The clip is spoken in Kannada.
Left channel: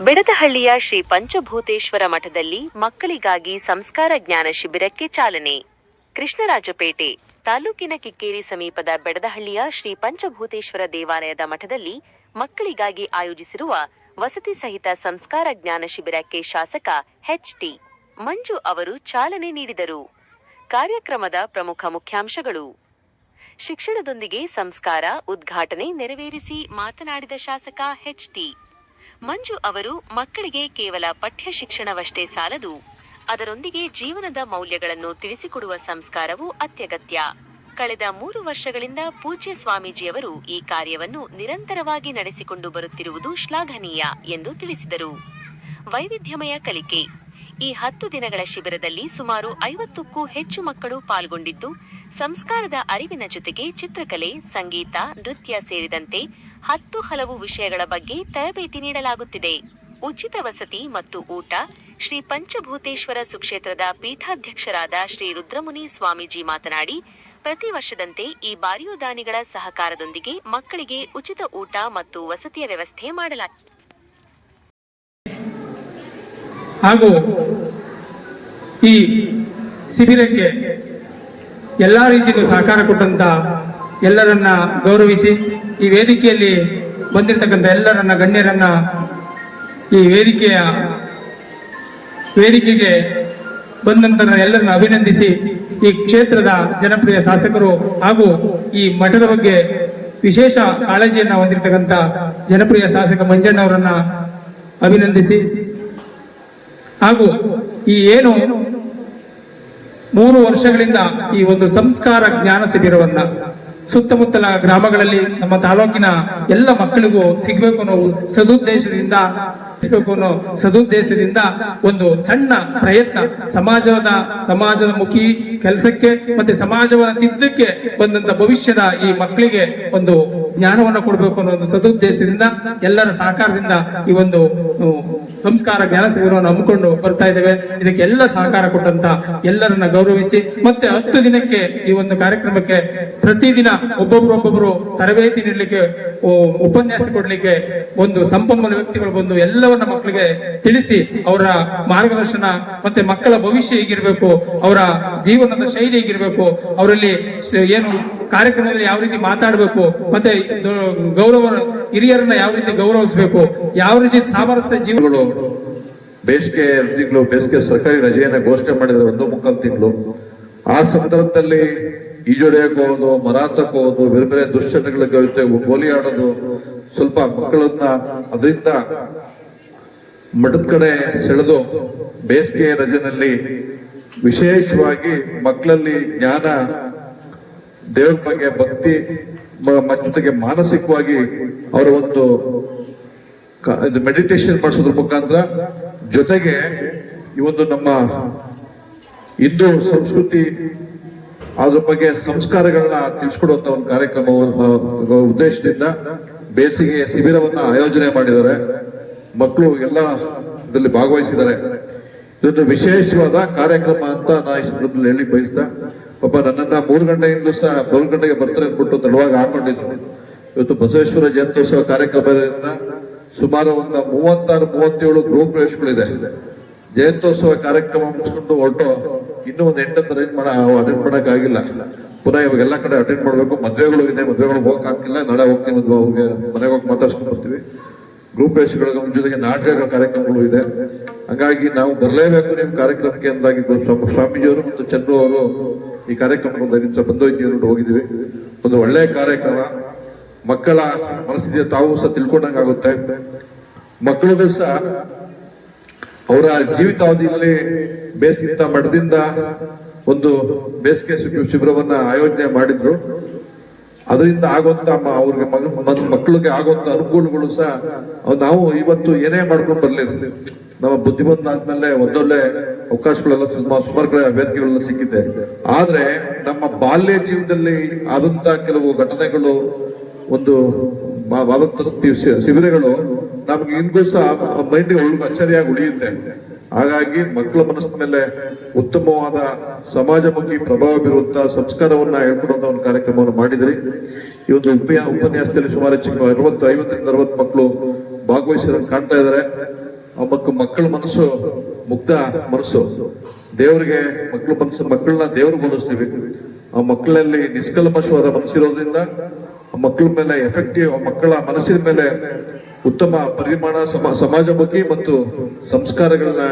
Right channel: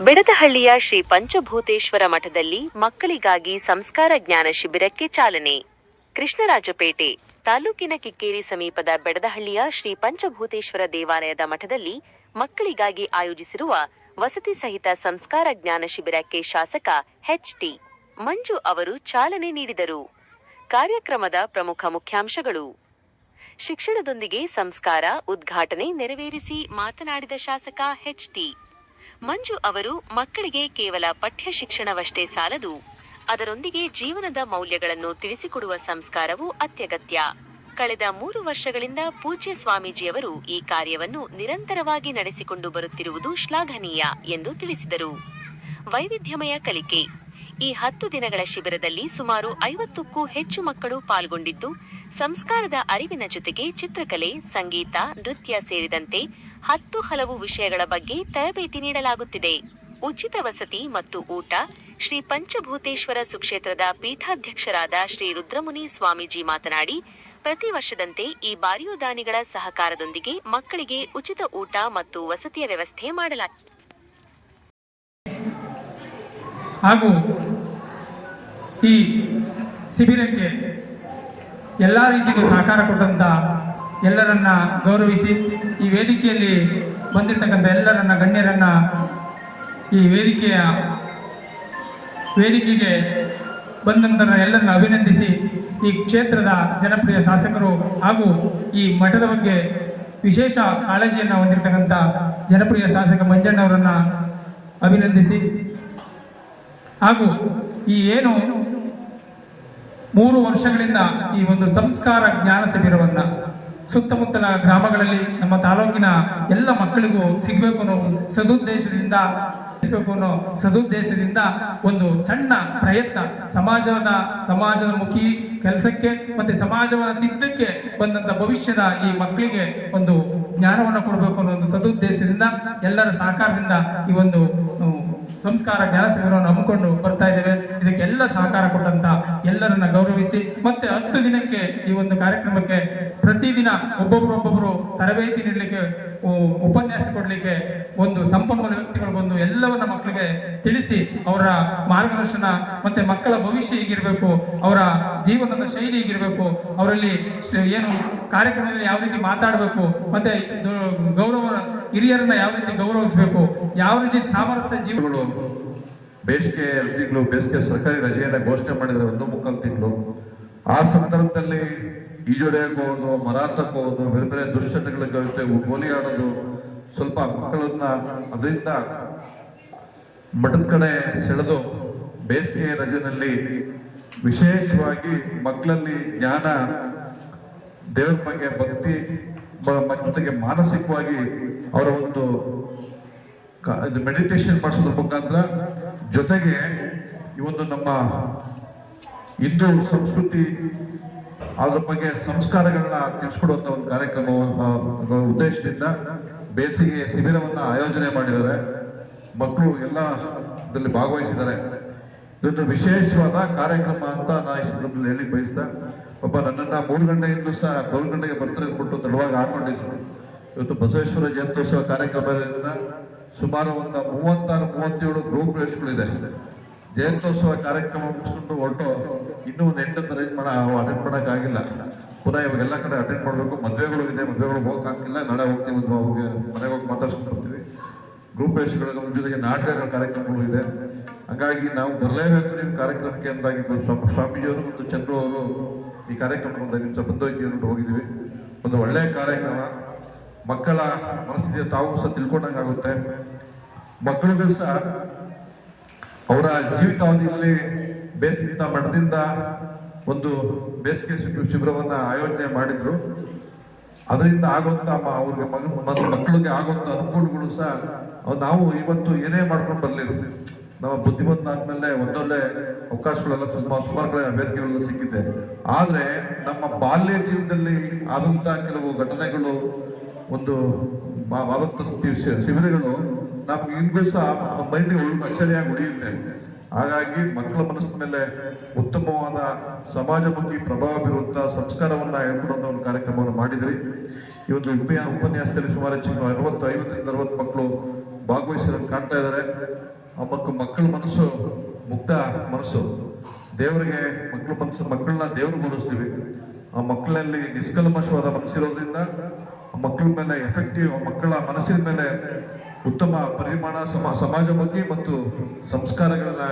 ಬೆಡದಹಳ್ಳಿಯ ಶ್ರೀ ಪಂಚಭೂತೇಶ್ವರ ಮಠದಲ್ಲಿ ಮಕ್ಕಳಿಗಾಗಿ ಸಂಸ್ಕಾರ ಜ್ಞಾನ ಶಿಬಿರಕ್ಕೆ ಚಾಲನೆ. ಕೃಷ್ಣರಾಜಪೇಟೆ ತಾಲೂಕಿನ ಕಿಕ್ಕೇರಿ ಸಮೀಪದ ಬೆಡದಹಳ್ಳಿಯ ಶ್ರೀ ಪಂಚಭೂತೇಶ್ವರ ದೇವಾಲಯದ ಮಠದಲ್ಲಿ ಮಕ್ಕಳಿಗಾಗಿ ಆಯೋಜಿಸಿರುವ ವಸತಿ ಸಹಿತ ಸಂಸ್ಕಾರ ಜ್ಞಾನ ಶಿಬಿರಕ್ಕೆ ಶಾಸಕ ಎಚ್.ಟಿ. ಮಂಜು ಅವರು ಚಾಲನೆ ನೀಡಿದರು. ಕಾರ್ಯಕ್ರಮದ ಪ್ರಮುಖ ಮುಖ್ಯಾಂಶಗಳು: ಶಿಕ್ಷಣದೊಂದಿಗೆ ಸಂಸ್ಕಾರ ಉದ್ಘಾಟನೆ ನೆರವೇರಿಸಿ ಮಾತನಾಡಿದ ಶಾಸಕ ಎಚ್.ಟಿ. ಮಂಜು ಅವರು ಮಕ್ಕಳಿಗೆ ಕೇವಲ ಪಠ್ಯ ಶಿಕ್ಷಣವಷ್ಟೇ ಸಾಲದು, ಅದರೊಂದಿಗೆ ಜೀವನದ ಮೌಲ್ಯಗಳನ್ನು ತಿಳಿಸಿಕೊಡುವ ಸಂಸ್ಕಾರವೂ ಅತ್ಯಗತ್ಯ. ಕಳೆದ 3 ವರ್ಷಗಳಿಂದ ಪೂಜ್ಯ ಸ್ವಾಮೀಜಿಯವರು ಈ ಕಾರ್ಯವನ್ನು ನಿರಂತರವಾಗಿ ನಡೆಸಿಕೊಂಡು ಬರುತ್ತಿರುವುದು ಶ್ಲಾಘನೀಯ ಎಂದು ತಿಳಿಸಿದರು. ವೈವಿಧ್ಯಮಯ ಕಲಿಕೆ: ಈ 10 ದಿನಗಳ ಶಿಬಿರದಲ್ಲಿ ಸುಮಾರು 50ಕ್ಕೂ ಹೆಚ್ಚು ಮಕ್ಕಳು ಪಾಲ್ಗೊಂಡಿದ್ದು, ಸಂಸ್ಕಾರದ ಅರಿವಿನ ಜೊತೆಗೆ ಚಿತ್ರಕಲೆ, ಸಂಗೀತ, ನೃತ್ಯ ಸೇರಿದಂತೆ 10 ಹಲವು ವಿಷಯಗಳ ಬಗ್ಗೆ ತರಬೇತಿ ನೀಡಲಾಗುತ್ತಿದೆ. ಉಚಿತ ವಸತಿ ಮತ್ತು ಊಟ: ಶ್ರೀ ಪಂಚಭೂತೇಶ್ವರ ಸುಕ್ಷೇತ್ರದ ಪೀಠಾಧ್ಯಕ್ಷರಾದ ಶ್ರೀ ರುದ್ರಮುನಿ ಸ್ವಾಮೀಜಿ ಮಾತನಾಡಿ, ಪ್ರತಿ ವರ್ಷದಂತೆ ಈ ಬಾರಿಯೂ ದಾನಿಗಳ ಸಹಕಾರದೊಂದಿಗೆ ಮಕ್ಕಳಿಗೆ ಉಚಿತ ಊಟ ಮತ್ತು ವಸತಿಯ ವ್ಯವಸ್ಥೆ ಮಾಡಲಾಗಿದೆ. ಹಾಗೂ ಈ ಶಿಬಿರಕ್ಕೆ ಎಲ್ಲ ರೀತಿಯಲ್ಲೂ ಸಹಕಾರ ಕೊಟ್ಟಂತ ಎಲ್ಲರನ್ನ ಗೌರವಿಸಿ, ಈ ವೇದಿಕೆಯಲ್ಲಿ ಬಂದಿರತಕ್ಕಂಥ ಎಲ್ಲರನ್ನ ಗಣ್ಯರನ್ನ ಈ ವೇದಿಕೆಗೆ ಬಂದಂತರ ಎಲ್ಲರನ್ನ ಅಭಿನಂದಿಸಿ, ಈ ಕ್ಷೇತ್ರದ ಜನಪ್ರಿಯ ಶಾಸಕರು ಹಾಗೂ ಈ ಮಠದ ಬಗ್ಗೆ ವಿಶೇಷ ಕಾಳಜಿಯನ್ನು ಹೊಂದಿರತಕ್ಕಂಥ ಜನಪ್ರಿಯ ಶಾಸಕ ಮಂಜಣ್ಣವರನ್ನ ಅಭಿನಂದಿಸಿ, ಹಾಗೂ ಈ ಏನು 3 ವರ್ಷಗಳಿಂದ ಈ ಒಂದು ಸಂಸ್ಕಾರ ಜ್ಞಾನ ಶಿಬಿರವನ್ನ ಸುತ್ತಮುತ್ತಲ ಗ್ರಾಮಗಳಲ್ಲಿ ನಮ್ಮ ತಾಲೂಕಿನ ಎಲ್ಲ ಮಕ್ಕಳಿಗೂ ಸಿಗಬೇಕು ಅನ್ನೋ ಸದುದ್ದೇಶದಿಂದ ಒಂದು ಸಣ್ಣ ಪ್ರಯತ್ನ, ಸಮಾಜದ ಮುಖಿ ಕೆಲಸಕ್ಕೆ ಮತ್ತೆ ಸಮಾಜವನ್ನು ತಿದ್ದಕ್ಕೆ ಬಂದಂತ ಭವಿಷ್ಯದ ಈ ಮಕ್ಕಳಿಗೆ ಒಂದು ಜ್ಞಾನವನ್ನು ಕೊಡಬೇಕು ಅನ್ನೋ ಒಂದು ಸದುದ್ದೇಶದಿಂದ ಎಲ್ಲರ ಸಹಕಾರದಿಂದ ಈ ಒಂದು ಸಂಸ್ಕಾರ ಜ್ಞಾನ ಶಿಬಿರವನ್ನು ಹಮ್ಮಿಕೊಂಡು ಬರ್ತಾ ಇದ್ದೇವೆ. ಇದಕ್ಕೆ ಎಲ್ಲ ಸಹಕಾರ ಕೊಟ್ಟಂತ ಎಲ್ಲರನ್ನ ಗೌರವಿಸಿ, ಮತ್ತೆ 10 ದಿನಕ್ಕೆ ಈ ಒಂದು ಕಾರ್ಯಕ್ರಮಕ್ಕೆ ಪ್ರತಿದಿನ ಒಬ್ಬೊಬ್ಬರು ತರಬೇತಿ ನೀಡಲಿಕ್ಕೆ, ಉಪನ್ಯಾಸ ಕೊಡ್ಲಿಕ್ಕೆ ಒಂದು ಸಂಪನ್ಮೂಲ ವ್ಯಕ್ತಿಗಳು ಬಂದು ಎಲ್ಲವನ್ನ ಮಕ್ಕಳಿಗೆ ತಿಳಿಸಿ, ಅವರ ಮಾರ್ಗದರ್ಶನ ಮತ್ತೆ ಮಕ್ಕಳ ಭವಿಷ್ಯ ಹೇಗಿರ್ಬೇಕು, ಅವರ ಜೀವನದ ಶೈಲಿ ಹೇಗಿರ್ಬೇಕು, ಅವರಲ್ಲಿ ಏನು ಕಾರ್ಯಕ್ರಮದಲ್ಲಿ ಯಾವ ರೀತಿ ಮಾತಾಡಬೇಕು, ಮತ್ತೆ ಹಿರಿಯರನ್ನ ಯಾವ ರೀತಿ ಗೌರವಿಸಬೇಕು, ಯಾವ ರೀತಿ ಸಾಮರಸ್ಯ ಜೀವಗಳು. ಬೇಸಿಗೆ ಸರ್ಕಾರಿ ರಜೆಯನ್ನ ಘೋಷಣೆ ಮಾಡಿದ್ರೆ 1 ತಿಂಗಳು. ಆ ಸಂದರ್ಭದಲ್ಲಿ ಈಜೊಡೆಯಕ್ಕೆ ಹೋಗೋದು, ಮರಾತಕ್ಕೆ ಹೋಗೋದು, ಬೇರೆ ಬೇರೆ ದುಶ್ಚಟಗಳ ಜೊತೆ ಗೋಲಿ ಆಡೋದು, ಸ್ವಲ್ಪ ಮಕ್ಕಳನ್ನ ಅದರಿಂದ ಮಠದ ಕಡೆ ಸೆಳೆದು ಬೇಸಿಗೆ ರಜೆನಲ್ಲಿ ವಿಶೇಷವಾಗಿ ಮಕ್ಕಳಲ್ಲಿ ಜ್ಞಾನ, ದೇವರ ಬಗ್ಗೆ ಭಕ್ತಿ ಜೊತೆಗೆ ಮಾನಸಿಕವಾಗಿ ಅವರ ಒಂದು ಮೆಡಿಟೇಷನ್ ಮಾಡಿಸೋದ್ರ ಮುಖಾಂತರ, ಜೊತೆಗೆ ಈ ಒಂದು ನಮ್ಮ ಹಿಂದೂ ಸಂಸ್ಕೃತಿ ಅದ್ರ ಬಗ್ಗೆ ಸಂಸ್ಕಾರಗಳನ್ನ ತಿಳಿಸ್ಕೊಡುವಂತ ಒಂದು ಕಾರ್ಯಕ್ರಮ ಉದ್ದೇಶದಿಂದ ಬೇಸಿಗೆ ಶಿಬಿರವನ್ನ ಆಯೋಜನೆ ಮಾಡಿದ್ದಾರೆ. ಮಕ್ಕಳು ಎಲ್ಲ ಇದರಲ್ಲಿ ಭಾಗವಹಿಸಿದ್ದಾರೆ. ಇದೊಂದು ವಿಶೇಷವಾದ ಕಾರ್ಯಕ್ರಮ ಅಂತ ನಾ ಈ ಸಂದರ್ಭದಲ್ಲಿ ಹೇಳಿ ಬಯಸ್ತಾ, ಪಾಪ ನನ್ನನ್ನ 3 ಗಂಟೆಯಿಂದಲೂ ಸಹ 4 ಗಂಟೆಗೆ ಬರ್ತಾರೆ ಅಂದ್ಬಿಟ್ಟು ತಡವಾಗಿ ಹಾಕೊಂಡಿದ್ರು. ಇವತ್ತು ಬಸವೇಶ್ವರ ಜಯಂತ್ಯೋತ್ಸವ ಕಾರ್ಯಕ್ರಮದಿಂದ ಸುಮಾರು ಒಂದು 36-37 ಗೃಹ ಪ್ರವೇಶಗಳಿದೆ. ಜಯಂತ್ಯೋತ್ಸವ ಕಾರ್ಯಕ್ರಮ ಮುಗಿಸ್ಕೊಂಡು ಹೊರಟು ಇನ್ನೂ ಒಂದು 8 ಅಟೆಂಡ್ ಮಾಡೋಕ್ಕಾಗಿಲ್ಲ. ಪುನಃ ಇವಾಗೆಲ್ಲ ಕಡೆ ಅಟೆಂಡ್ ಮಾಡಬೇಕು. ಮದುವೆಗಳು ಇದೆ, ಮದುವೆಗಳು ಹೋಗಕ್ಕಾಗ್ತಿಲ್ಲ. ನಾಳೆ ಹೋಗ್ತೀವಿ, ಅವ್ರಿಗೆ ಮನೆಗೆ ಹೋಗಿ ಮಾತಾಡ್ಸ್ಕೊಂಡು ಬರ್ತೀವಿ. ಗೃಹ ಪ್ರವೇಶಗಳ ಜೊತೆಗೆ ನಾಟಕಗಳ ಕಾರ್ಯಕ್ರಮಗಳು ಇದೆ. ಹಾಗಾಗಿ ನಾವು ಬರಲೇಬೇಕು ನಿಮ್ಮ ಕಾರ್ಯಕ್ರಮಕ್ಕೆ ಅಂದಾಗಿ ಸ್ವಾಮೀಜಿಯವರು ಮತ್ತು ಚಂದ್ರು ಅವರು ಈ ಕಾರ್ಯಕ್ರಮಕ್ಕೆ ಒಂದು 5 ನಿಮಿಷ ಬಂದೋಯ್ತು ಹೋಗಿದ್ದೀವಿ. ಒಂದು ಒಳ್ಳೆಯ ಕಾರ್ಯಕ್ರಮ. ಮಕ್ಕಳ ಮನಸ್ಥಿತಿಯ ತಾವು ಸಹ ತಿಳ್ಕೊಂಡಂಗಾಗುತ್ತೆ. ಮಕ್ಕಳಿಗೂ ಸಹ ಅವರ ಜೀವಿತಾವಧಿಯಲ್ಲಿ ಬೇಸಿಗೆ ಮಠದಿಂದ ಒಂದು ಬೇಸಿಗೆ ಶಿಬಿರವನ್ನ ಆಯೋಜನೆ ಮಾಡಿದ್ರು. ಅದರಿಂದ ಆಗುವಂತ ಅವ್ರಿಗೆ ಮಕ್ಕಳಿಗೆ ಆಗುವಂತ ಅನುಕೂಲಗಳು ಸಹ ನಾವು ಇವತ್ತು ಏನೇ ಮಾಡ್ಕೊಂಡು ಬರ್ಲಿಲ್ಲ. ನಮ್ಮ ಬುದ್ಧಿಮಂತ ಆದ್ಮೇಲೆ ಒಂದೊಳ್ಳೆ ಅವಕಾಶಗಳೆಲ್ಲ ಸುಮಾರು ಕಡೆ ವೇದಿಕೆಗಳೆಲ್ಲ ಸಿಕ್ಕಿದೆ. ಆದ್ರೆ ನಮ್ಮ ಬಾಲ್ಯ ಜೀವನದಲ್ಲಿ ಆದಂತ ಕೆಲವು ಘಟನೆಗಳು, ಒಂದು ಶಿಬಿರಗಳು ನಮ್ಗೆ ಇಂದು ಸಹ ಮೈಂಡ್ಗೆ ಅಚ್ಚರಿಯಾಗಿ ಉಳಿಯುತ್ತೆ. ಹಾಗಾಗಿ ಮಕ್ಕಳ ಮನಸ್ಸಿನ ಮೇಲೆ ಉತ್ತಮವಾದ ಸಮಾಜಮುಖಿ ಪ್ರಭಾವ ಬೀರುವಂತಹ ಸಂಸ್ಕಾರವನ್ನ ಹೇಳ್ಕೊಡುವಂತ ಒಂದು ಕಾರ್ಯಕ್ರಮವನ್ನು ಮಾಡಿದ್ರಿ. ಈ ಒಂದು ಉಪನ್ಯಾಸದಲ್ಲಿ ಸುಮಾರು 50-60 ಮಕ್ಕಳು ಭಾಗವಹಿಸಿರೋ ಕಾಣ್ತಾ ಇದ್ದಾರೆ. ಆ ಮಕ್ಕಳ ಮನಸ್ಸು ಮುಗ್ಧ ಮನಸ್ಸು, ದೇವರಿಗೆ ಮಕ್ಕಳನ್ನ ದೇವ್ರಿಗೆ ಹೋಲಿಸ್ತೀವಿ. ಆ ಮಕ್ಕಳಲ್ಲಿ ನಿಷ್ಕಲ್ಮಶವಾದ ಮನಸ್ಸಿರೋದ್ರಿಂದ ಆ ಮಕ್ಕಳ ಮೇಲೆ ಎಫೆಕ್ಟಿವ್, ಆ ಮಕ್ಕಳ ಮನಸ್ಸಿನ ಮೇಲೆ ಉತ್ತಮ ಪರಿಮಾಣ ಸಮಾಜಮುಖಿ ಮತ್ತು ಸಂಸ್ಕಾರಗಳನ್ನ